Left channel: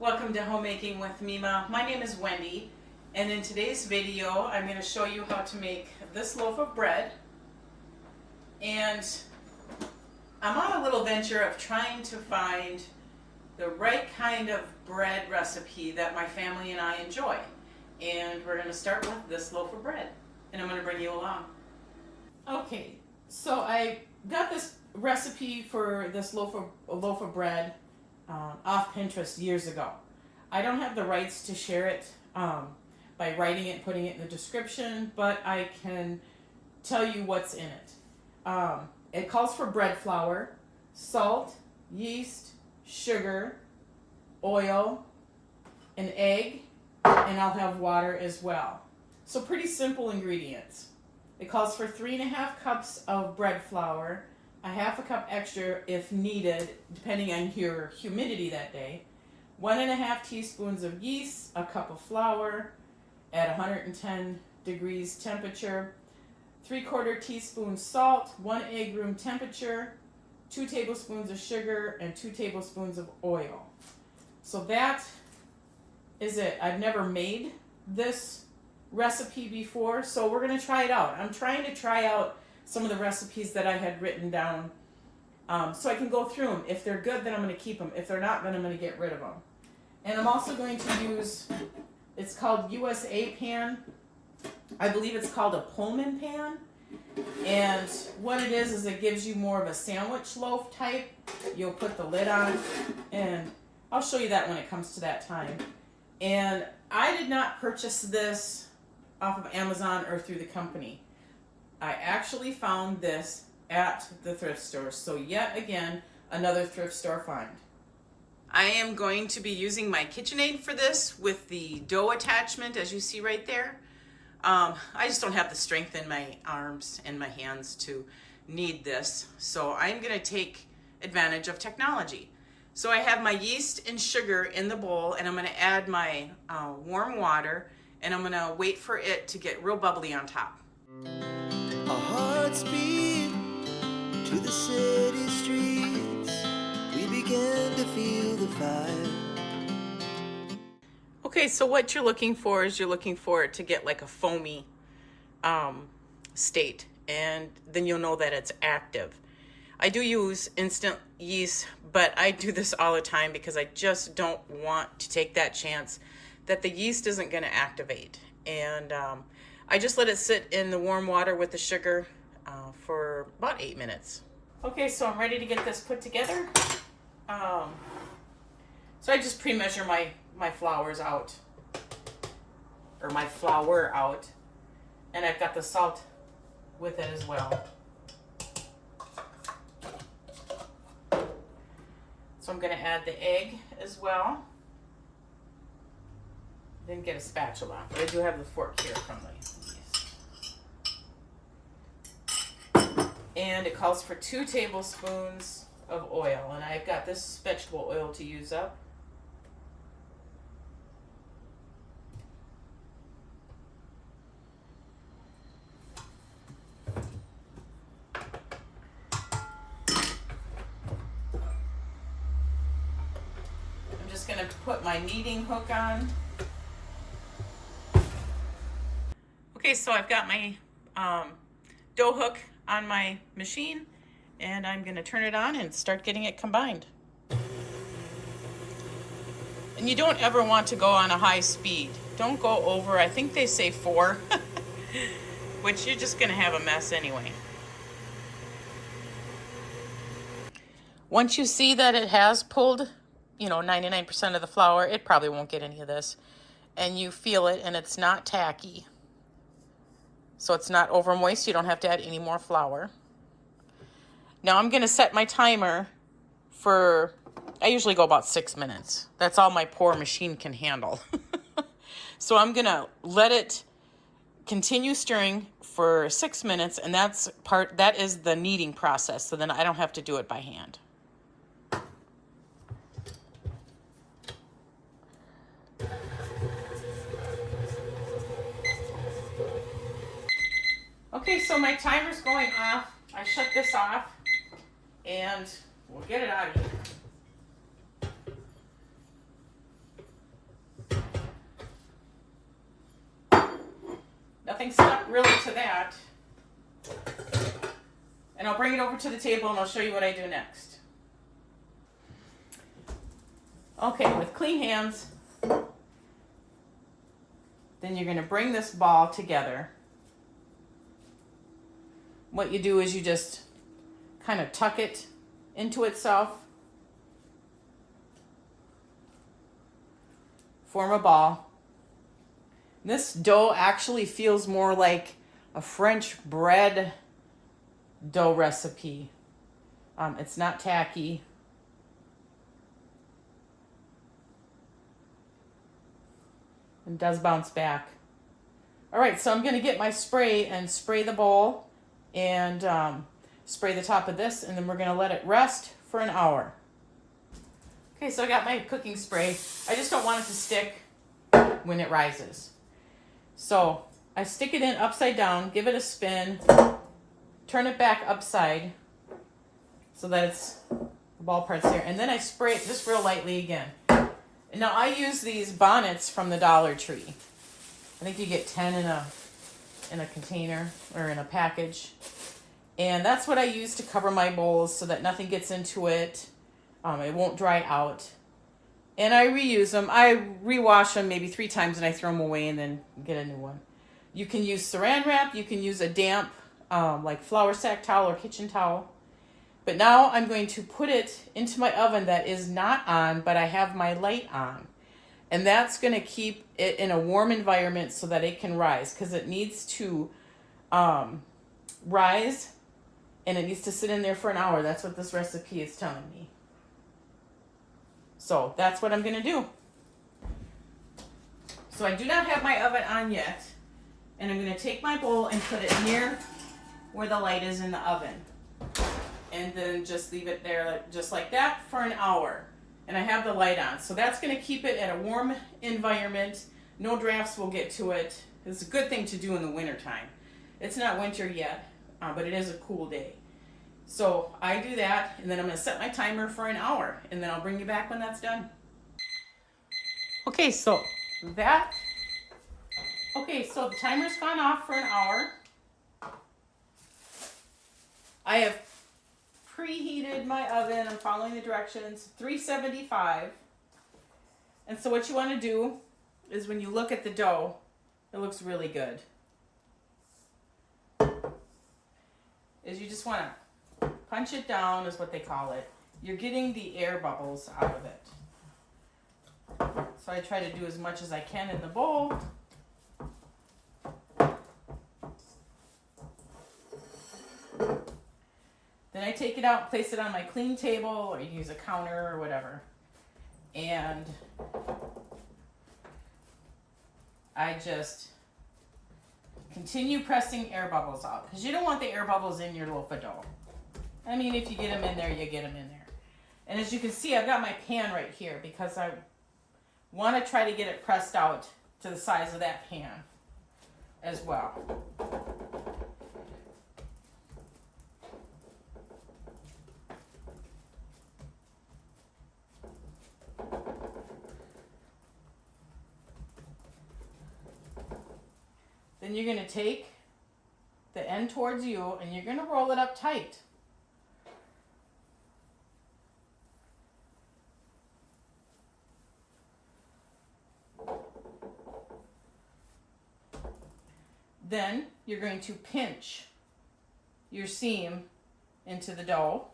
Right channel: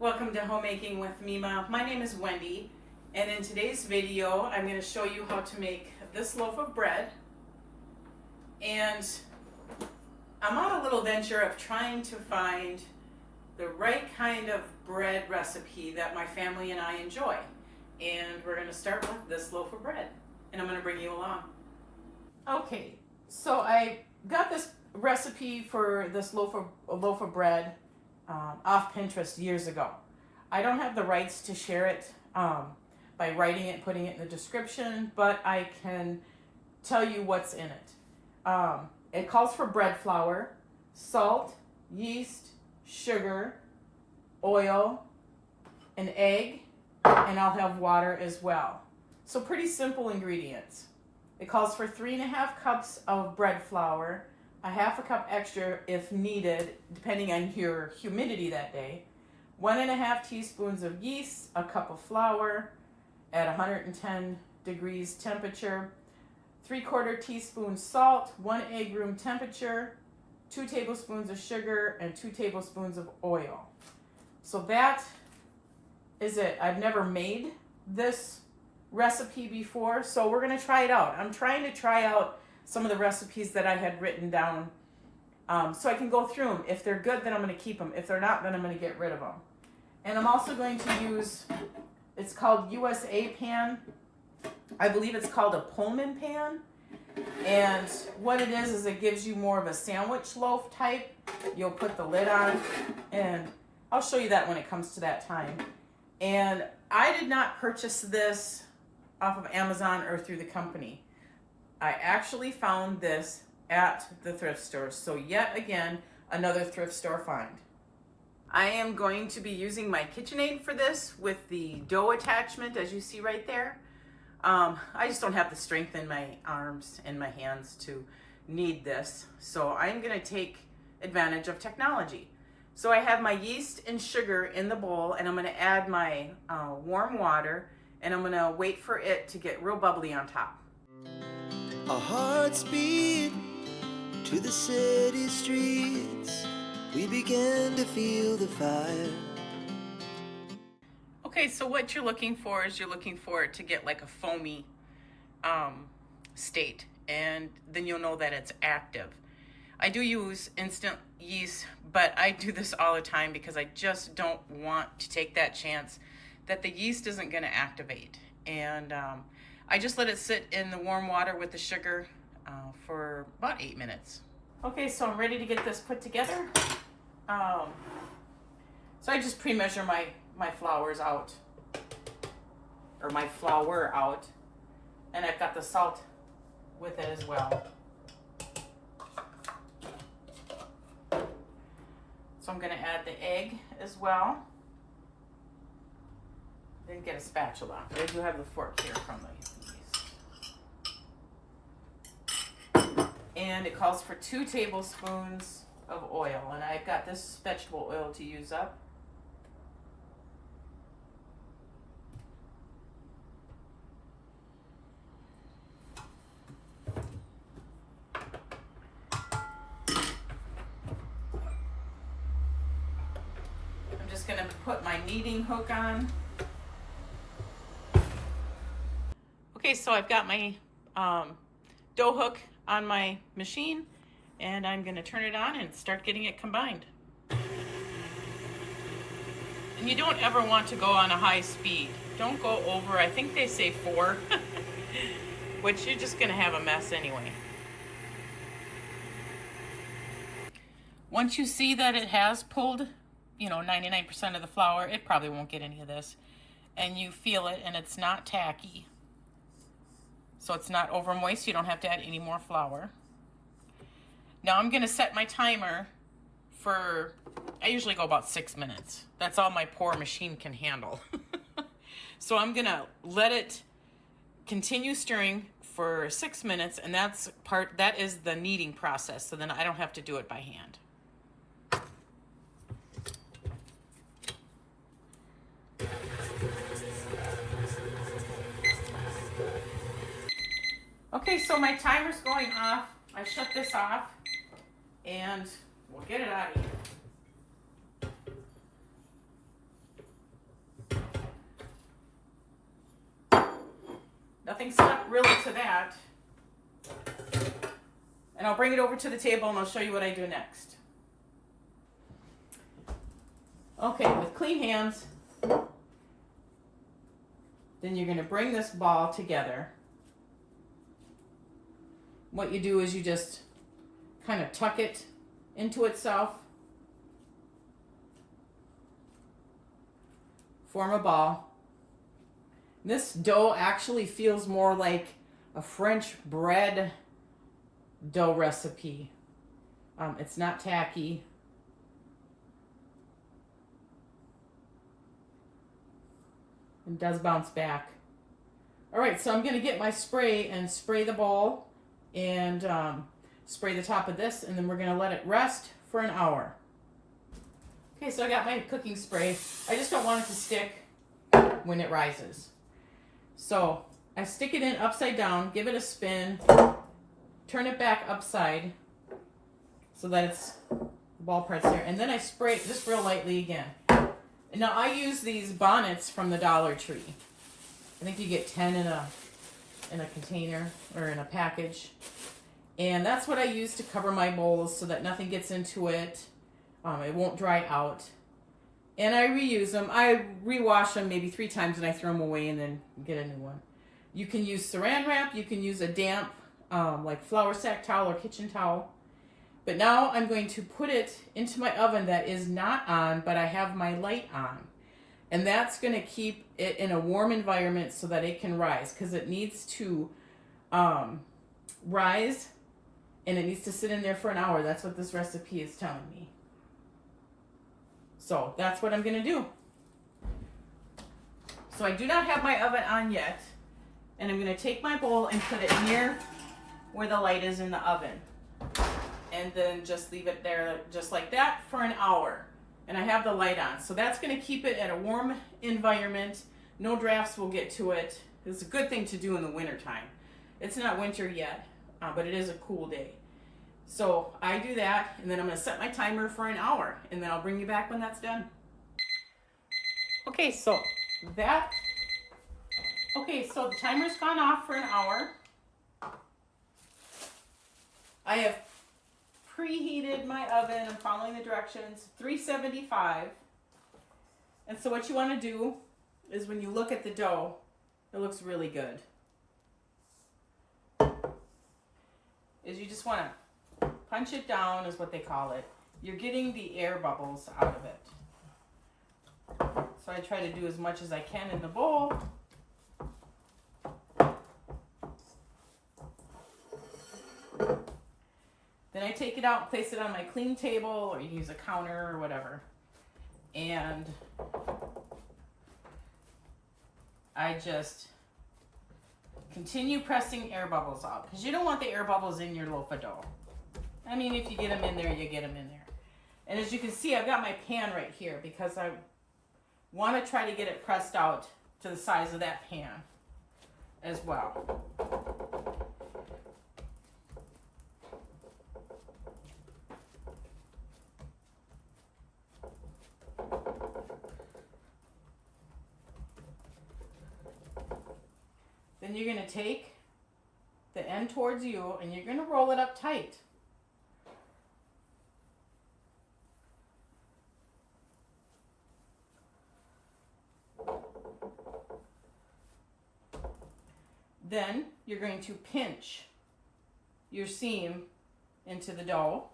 Welcome to Homemaking with Mima. My name is Wendy, and in today's video I'm going to show you how to make this loaf of bread. And I'm on a little venture of trying to find the right kind of bread recipe that my family and I enjoy. And we're going to start with this loaf of bread, and I'm going to bring you along. Okay, so I got this recipe for this loaf of bread off Pinterest years ago. I don't have the rights to share it by writing it, putting it in the description, but I can tell you what's in it. It calls for bread flour, salt, yeast, sugar, oil, an egg, and I'll have water as well. So pretty simple ingredients. It calls for 3.5 cups of bread flour, a half a cup extra if needed, depending on your humidity that day, 1.5 teaspoons of yeast, a cup of flour at 110 degrees temperature, 3/4 teaspoon salt, 1 egg room temperature, 2 tablespoons of sugar, and 2 tablespoons of oil. So that is it. I've never made this recipe before, so we're going to try it out. I'm trying to try out some of the recipes that I had written down so I can go through them. If they're good, then I'm going to keep them. If they're not, then I'm going to get rid of them. And I'm also going to use, it's called USA pan. I believe it's called a Pullman pan. And what it is it gives you more of a sandwich loaf type. You'll put the lid on, and I'll show you that when it comes to that time. And I did not purchase this off of Amazon or through the company. I actually found this at the thrift store. So yet again, another thrift store find. I am going to be using my KitchenAid for this with the dough attachment, as you see right there. I just don't have the strength in my arms and my hands to knead this. So I'm going to take advantage of technology. So I have my yeast and sugar in the bowl, and I'm going to add my warm water, and I'm going to wait for it to get real bubbly on top. Our hearts beat to the city streets. We began to feel the fire. Okay, so what you're looking for is you're looking for it to get like a foamy state, and then you'll know that it's active. I do use instant yeast, but I do this all the time because I just don't want to take that chance that the yeast isn't going to activate. And I just let it sit in the warm water with the sugar for about 8 minutes. Okay, so I'm ready to get this put together. So I just pre-measure my flours out, or my flour out, and I've got the salt with it as well. So I'm going to add the egg as well. Then get a spatula. I do have the fork here from the yeast. And it calls for 2 tablespoons of oil, and I've got this vegetable oil to use up. Going to put my kneading hook on. Okay, so I've got my dough hook on my machine, and I'm going to turn it on and start getting it combined. And you don't ever want to go on a high speed. Don't go over, I think they say 4, which you're just going to have a mess anyway. Once you see that it has pulled 99% of the flour, it probably won't get any of this. And you feel it, and it's not tacky. So it's not over moist. You don't have to add any more flour. Now I'm going to set my timer for, I usually go about 6 minutes. That's all my poor machine can handle. So I'm going to let it continue stirring for 6 minutes, and that is the kneading process. So then I don't have to do it by hand. Okay, so my timer's going off. I shut this off, and we'll get it out of here. nothing stuck really to that. And I'll bring it over to the table and I'll show you what I do next. Okay, with clean hands, then you're going to bring this ball together. What you do is you just kind of tuck it into itself, form a ball. This dough actually feels more like a French bread dough recipe. It's not tacky. And does bounce back. All right, so I'm going to get my spray and spray the bowl and spray the top of this, and then we're going to let it rest for an hour. Okay, so I got my cooking spray. I just don't want it to stick when it rises. So I stick it in upside down, give it a spin, turn it back upside so that it's the ball part's there, and then I spray it just real lightly again. And now I use these bonnets from the Dollar Tree. I think you get 10 in a container or in a package. And that's what I use to cover my bowls so that nothing gets into it. It won't dry out. And I reuse them. I rewash them maybe 3 times and I throw them away and then get a new one. You can use saran wrap. You can use a damp like flour sack towel or kitchen towel. But now I'm going to put it into my oven that is not on, but I have my light on. And that's going to keep it in a warm environment so that it can rise, because it needs to rise and it needs to sit in there for an hour. That's what this recipe is telling me. So that's what I'm going to do. So I do not have my oven on yet. And I'm going to take my bowl and put it near where the light is in the oven. And then just leave it there just like that for an hour. And I have the light on. So that's going to keep it at a warm environment. No drafts will get to it. It's a good thing to do in the winter time. It's not winter yet, but it is a cool day. So I do that, and then I'm going to set my timer for an hour, and then I'll bring you back when that's done. Okay, so the timer's gone off for an hour. I have preheated my oven. I'm following the directions. 375. And so what you want to do is when you look at the dough, it looks really good. Is you just want to punch it down, is what they call it. You're getting the air bubbles out of it. So I try to do as much as I can in the bowl. Then I take it out and place it on my clean table, or you can use a counter or whatever. And I just continue pressing air bubbles out, because you don't want the air bubbles in your loaf of dough. I mean, if you get them in there, you get them in there. And as you can see, I've got my pan right here because I want to try to get it pressed out to the size of that pan as well. Then you're going to take the end towards you and you're going to roll it up tight. Then you're going to pinch your seam into the dough.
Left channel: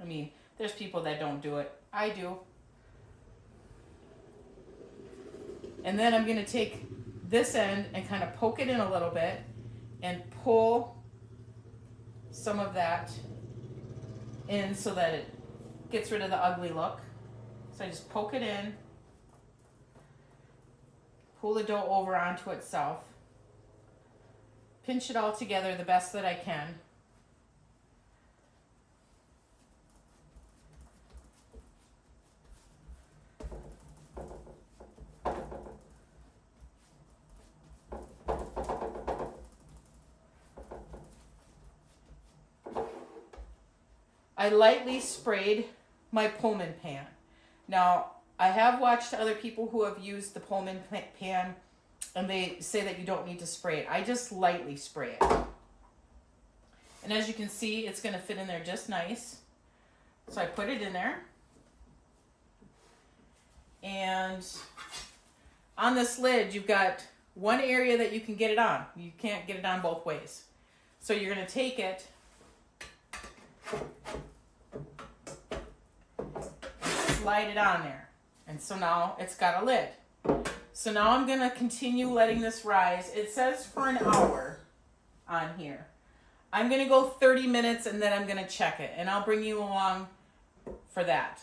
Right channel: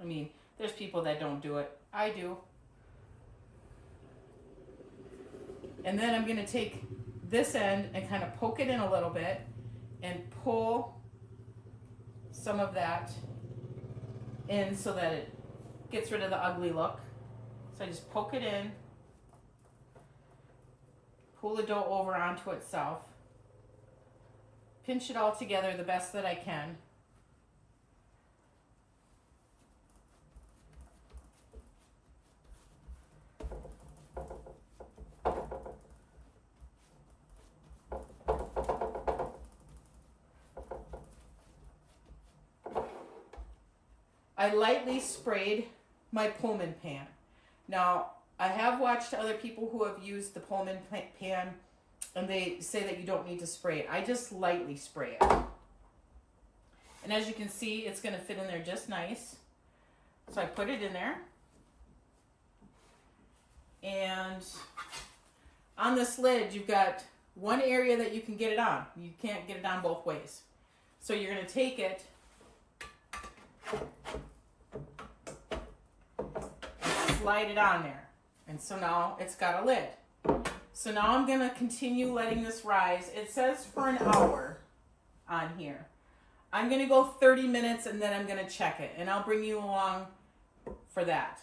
I mean, there's people that don't do it. I do. And then I'm going to take this end and kind of poke it in a little bit and pull some of that in so that it gets rid of the ugly look. So I just poke it in, pull the dough over onto itself, pinch it all together the best that I can. I lightly sprayed my Pullman pan. Now, I have watched other people who have used the Pullman pan, and they say that you don't need to spray it. I just lightly spray it. And as you can see, it's going to fit in there just nice. So I put it in there. And on this lid, you've got one area that you can get it on. You can't get it on both ways. So you're going to take it, slide it on there. And so now it's got a lid. So now I'm going to continue letting this rise. It says for an hour on here. I'm going to go 30 minutes and then I'm going to check it. And I'll bring you along for that.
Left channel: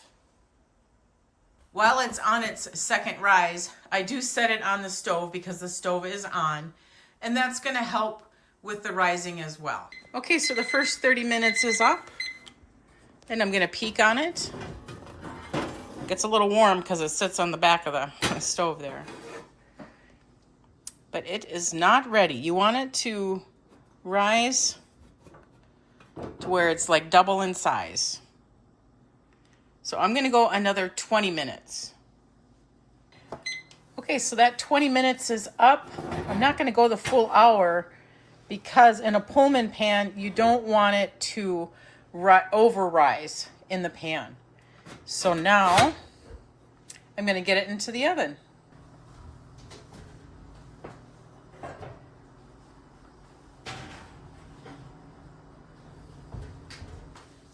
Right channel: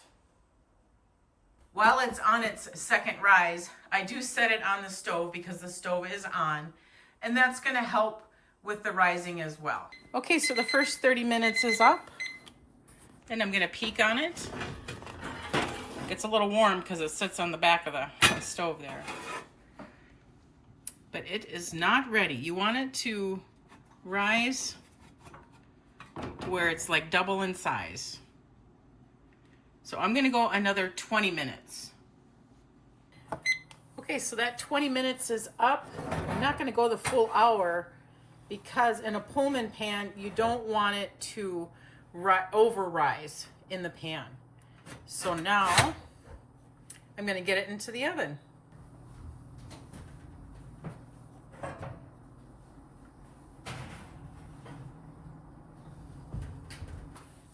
While it's on its second rise, I do set it on the stove because the stove is on. And that's going to help with the rising as well. Okay, so the first 30 minutes is up. And I'm going to peek on it. It gets a little warm because it sits on the back of the stove there. But it is not ready. You want it to rise to where it's like double in size. So I'm going to go another 20 minutes. Okay, so that 20 minutes is up. I'm not going to go the full hour because in a Pullman pan, you don't want it to over rise in the pan. So now I'm going to get it into the oven.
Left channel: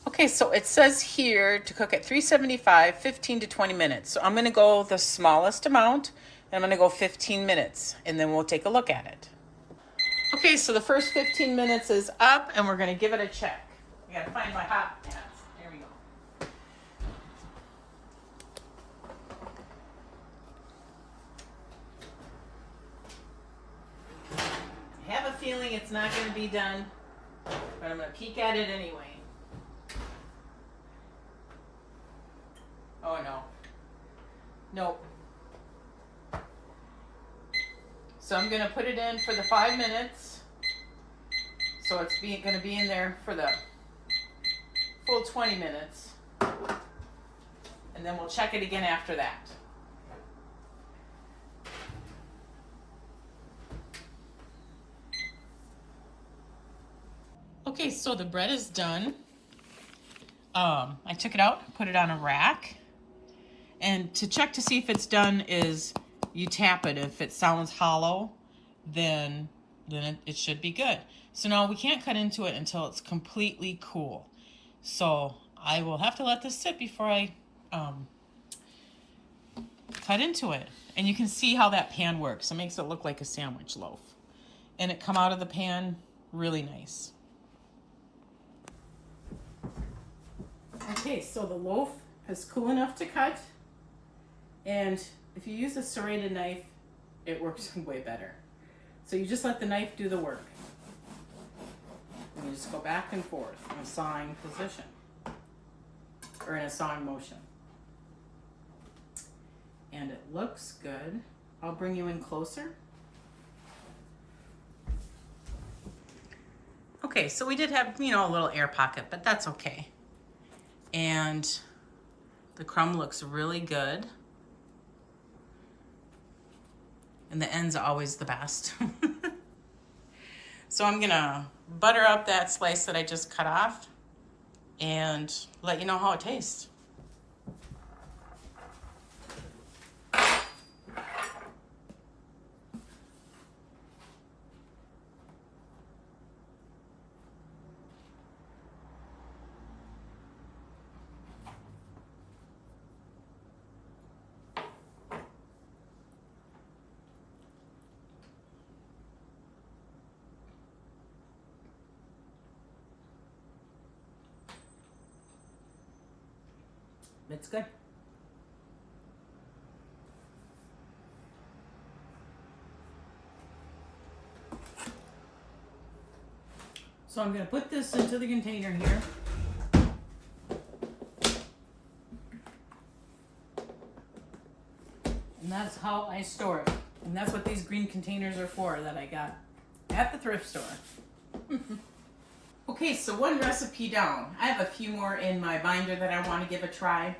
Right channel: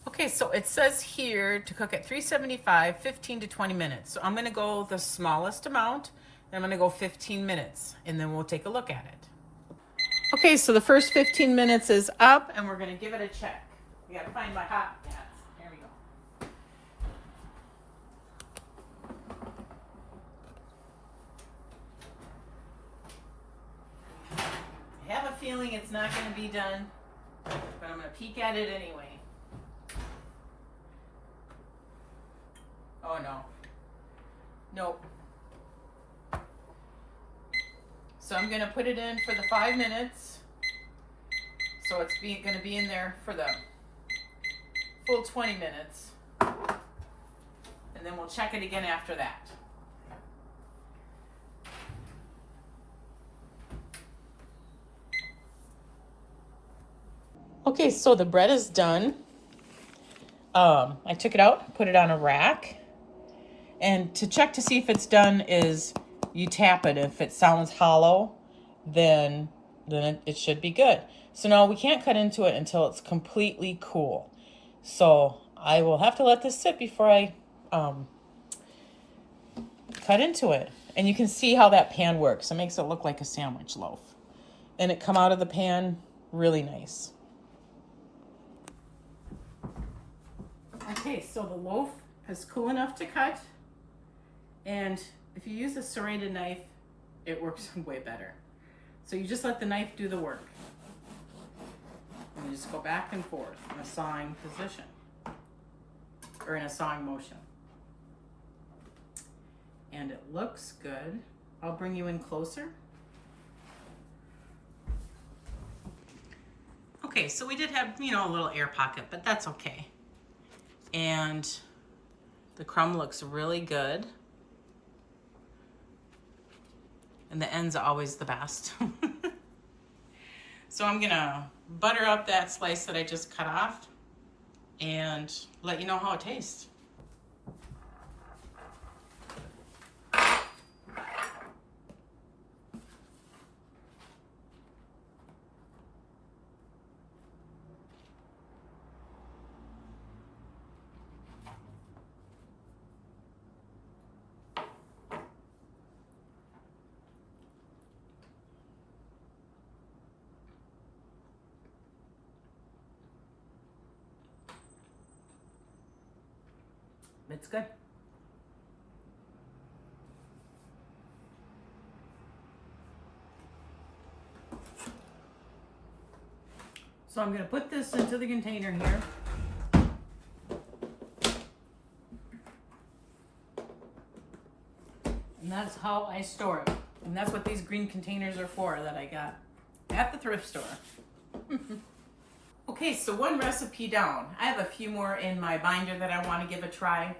Okay, so it says here to cook at 375, 15 to 20 minutes. So I'm going to go the smallest amount, and I'm going to go 15 minutes, and then we'll take a look at it. Okay, so the first 15 minutes is up, and we're going to give it a check. I got to find my hot pads. There we go. I have a feeling it's not going to be done, but I'm going to peek at it anyway. Oh no. Nope. So I'm going to put it in for the 5 minutes. So it's going to be in there for the full 20 minutes. And then we'll check it again after that. Okay, so the bread is done. I took it out, put it on a rack. And to check to see if it's done is you tap it. If it sounds hollow, then it should be good. So now we can't cut into it until it's completely cool. So I will have to let this sit before I cut into it. And you can see how that pan works. It makes it look like a sandwich loaf. And it come out of the pan really nice. Okay, so the loaf is cool enough to cut. And if you use a serrated knife, it works way better. So you just let the knife do the work. And you just go back and forth in a sawing position. Or in a sawing motion. And it looks good. I'll bring you in closer. Okay, so we did have, a little air pocket, but that's okay. And the crumb looks really good. And the ends are always the best. So I'm gonna butter up that slice that I just cut off and let you know how it tastes. It's good. So I'm going to put this into the container here. And that's how I store it. And that's what these green containers are for that I got at the thrift store. Okay, so one recipe down. I have a few more in my binder that I want to give a try.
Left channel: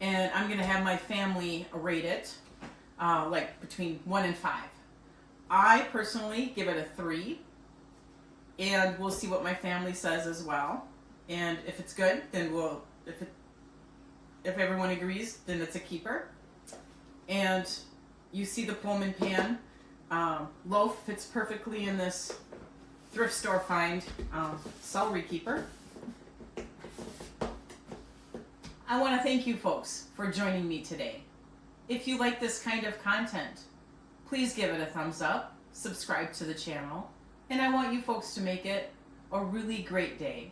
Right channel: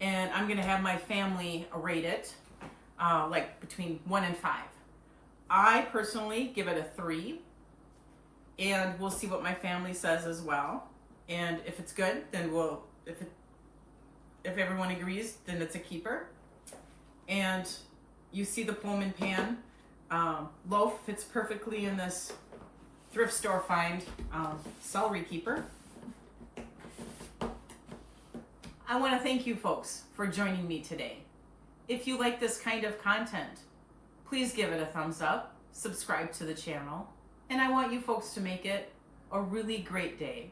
and I'm gonna have my family rate it, like between 1 and 5. I personally give it a 3, and we'll see what my family says as well. And if it's good, then if everyone agrees, then it's a keeper. And you see the Pullman pan loaf fits perfectly in this thrift store find celery keeper. I want to thank you folks for joining me today. If you like this kind of content, please give it a thumbs up, subscribe to the channel, and I want you folks to make it a really great day.